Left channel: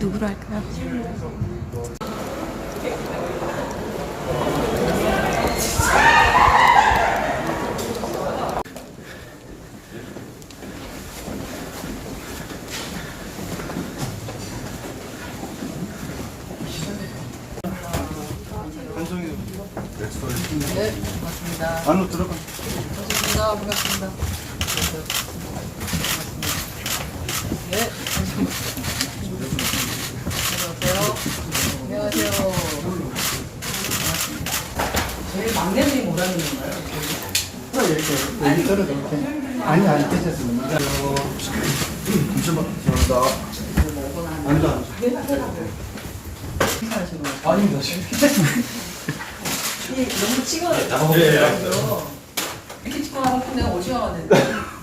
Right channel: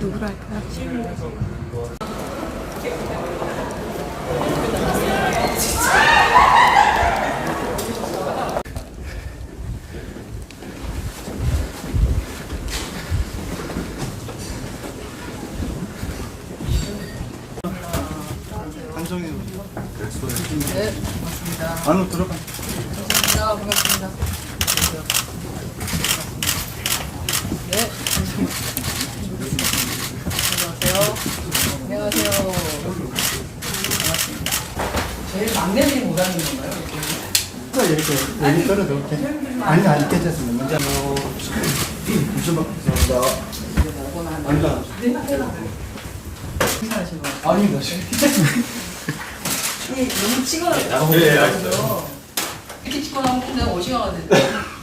누구로 할까요? 네, 반갑습니다. 안으로 들어가. 반갑습니다. 반갑습니다. 네, 안녕하세요. 안녕하세요. 반갑습니다. 제일 막내님이 못 하는 건가요? 이렇게 여기 떨어져. 이렇게. 아니. 이쪽으로. 감사합니다. 아니다. 인사하시는 거 아닙니다. 이 너무 찍어요. 이렇게 찍고 나면 그냥 오징어가 되는데.